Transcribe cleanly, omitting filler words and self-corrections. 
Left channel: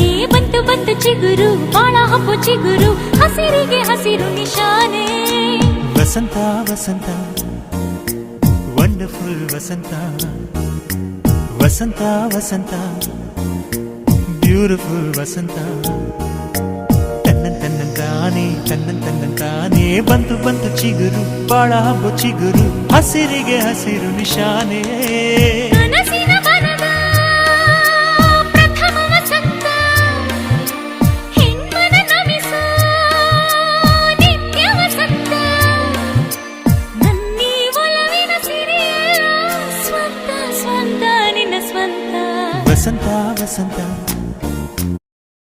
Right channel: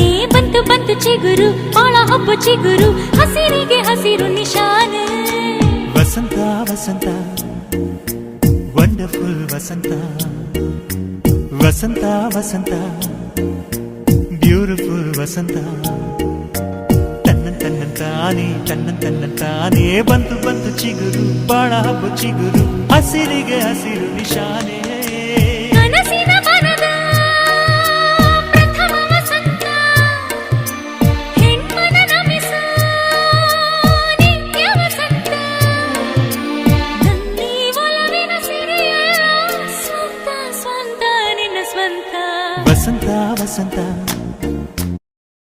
ತಾನೇ ಬಂತು ಬಂತು ಚಿಗುರು ಒಣ ಹಬ್ಬ ಚಿಗುರು ಹಸಿರಿಗೆ ಹಸಿರು ನಿಶಾನೆ ವಸಂತ ವಸಂತ ವಂಡರ್ಫುಲ್ ವಸಂತ ವಸಂತ ವಸಂತ ಬ್ಯೂಟಿಫುಲ್ ವಸಂತ ತಾನೇ ಬಂತು ಬಂತು ಚಿಗುರು ಬಾಳ ಹಬ್ಬ ಚಿಗುರು ಹಸಿರಿಗೆ ಹಸಿರು ನಿಶಾನೆ